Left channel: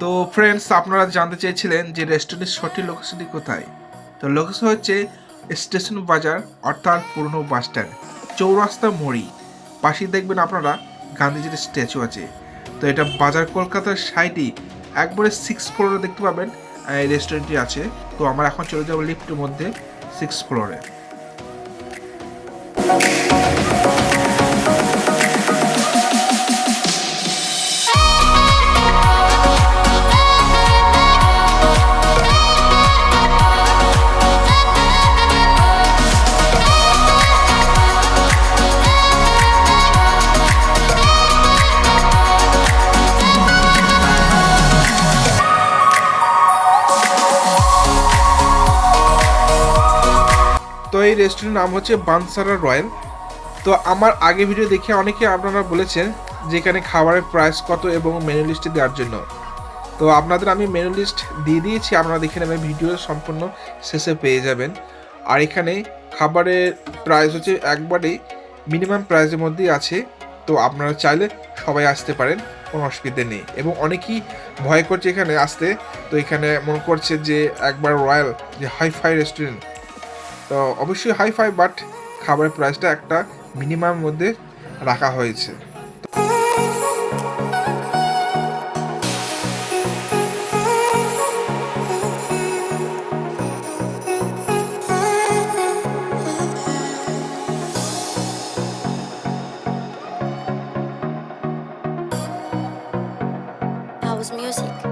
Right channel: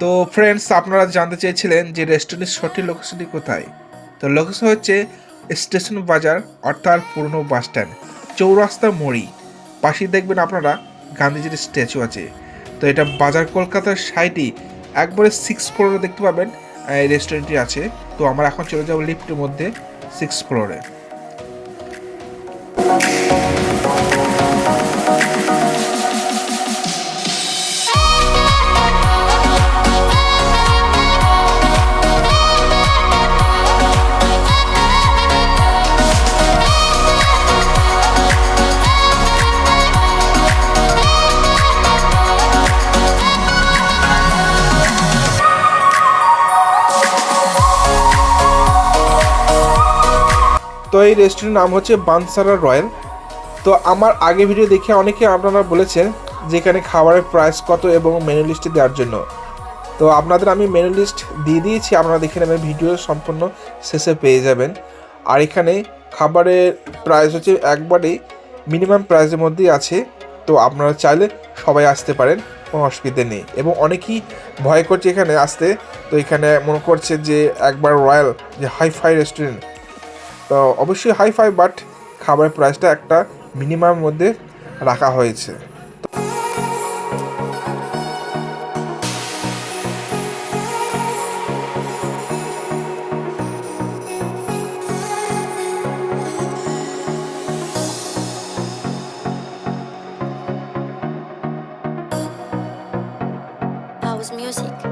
তো ফ্রেন্ডস আপনারা জানতে চেয়েছিলেন যে রেস্টুরেন্টের সঠিক লোকেশনটি কোথায়? তো লোকেশন হচ্ছে স্টেশন বাজার, অর্থাৎ পুরনো বাস স্ট্যান্ড চৌরাস্তা মড়ি পাশেই দেখবেন আপনারা গান্ধীজির স্ট্যাচু আছে। তো এটা বাজার কলকাতার সাইডে একবারে সিক্স ফ্লোরে দেখতে পাবেন, এই রেস্টুরেন্টটি আছে। তো আমরা এখন চলে যাব লিফটের মধ্যে সিক্স ফ্লোরে তো এই রেস্টুরেন্টের নাম হচ্ছে বানসারা রয়্যাল। তো আমার আগে ভিডিও দেখে অনেকে আপনারা বলেছেন যে এখানে খাবারের প্রাইস কত এবং মেনু লিস্টে দেওয়ার জন্য। তো আপনাদের আমি মেনু লিস্ট দিয়ে দিয়েছি, আপনারা দেখে নেবেন ভিডিও সম্পূর্ণ শেষে পেয়ে যাবেন। আর এখানে খাবারের প্রাইস হচ্ছে একবারেই মিনিমাম প্রাইসের মধ্যেই আছে। তো আপনারা চাইলে সবাই আসতে পারেন, কোনো অসুবিধা নেই। এবং অনেকেই ভয় করছে এখানে আসতে। তো এখানে মনে করছে যে একবার রয়্যাল, যে হাই ফাই রেস্টুরেন্ট তো অবশ্যই হাই ফাই বাট খাবারের প্রাইসটা একটা মিনিমাম মধ্যে রাখা হয়েছে music.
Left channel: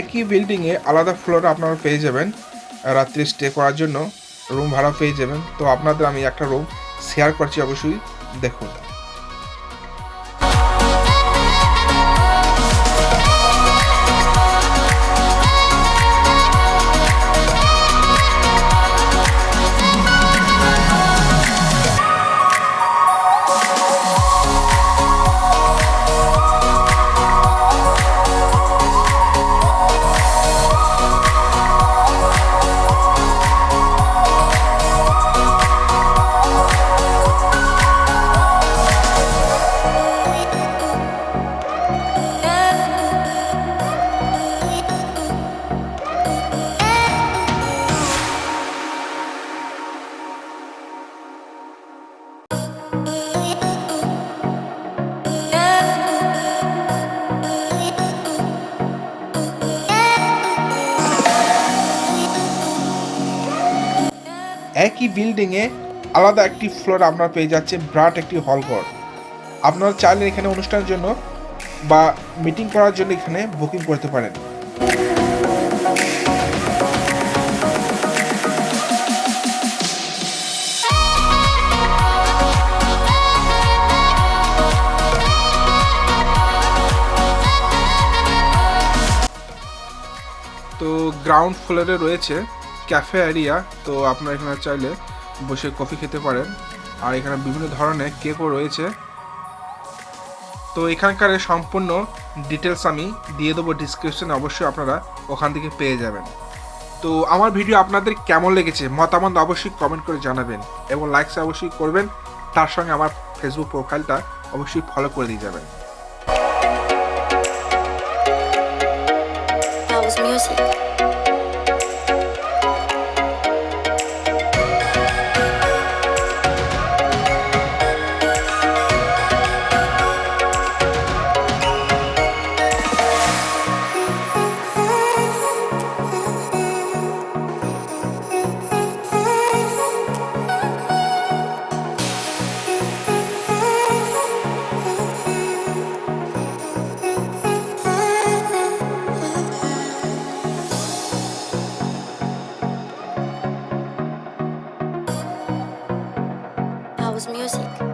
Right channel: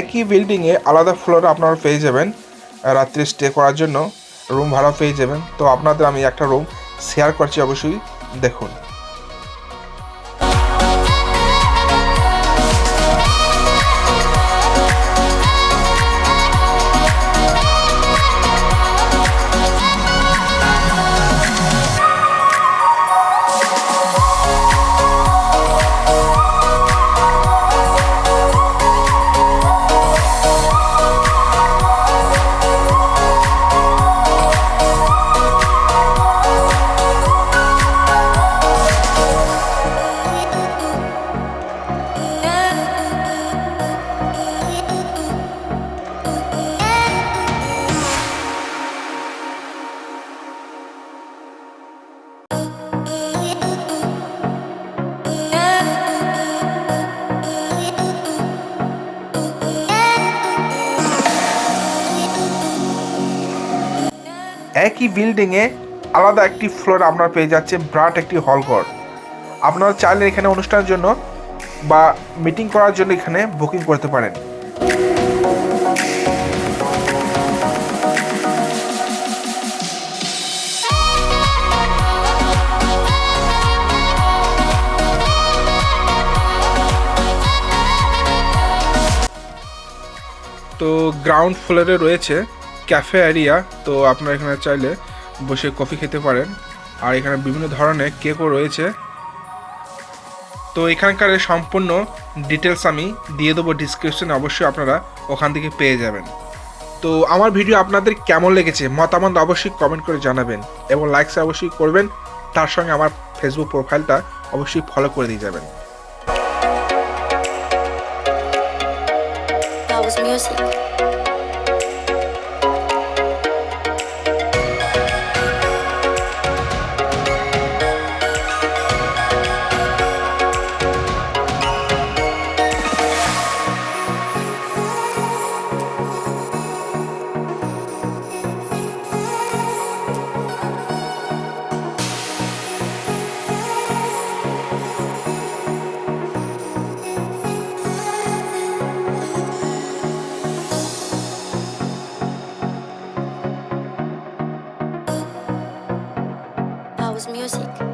একই বিল্ডিংয়ে আলাদা ফ্লোরে আপনারা পেয়ে যাবেন রাত্রি স্টে করার জন্য। রুম ভাড়া পেয়ে যাবেন। তো আপনাদের আমি একটা রুম শেয়ার করছি অবশ্যই। দেখুন। একই বিল্ডিংয়ে আলাদা একটি ফ্লোর আপনারা পেয়ে যাচ্ছে, ব্রাট একটি হল ঘর। আপনারা চাইলে এখানে অনুষ্ঠানের জন্য বা মিটিং করার জন্য এখানে বুকিং করতে পারেন। তো গ্রাউন্ড ফ্লোরে রয়েছে ক্যাফে এরিয়া তো আপনারা এখানে চাইলে বসে কফি খেতে পারেন। আর এখানে বিভিন্ন ধরনের কেকও রয়েছে। তো এখানকার সম্পূর্ণ ডিটেলস আমি দিয়ে দেবো ডিসক্রিপশনে অবশ্যই আপনারা ওখান থেকে পেয়ে যাবেন। তো আমার ভিডিও আপনাদের কেমন লেগেছে, মতামত অবশ্যই কমেন্ট করে জানাবেন এবং লাইকস অবশ্যই করবেন। তার সঙ্গে আমার ফেসবুক প্রোফাইলটা অবশ্যই ফলো করে দিয়ে যাবেন। House music. was music.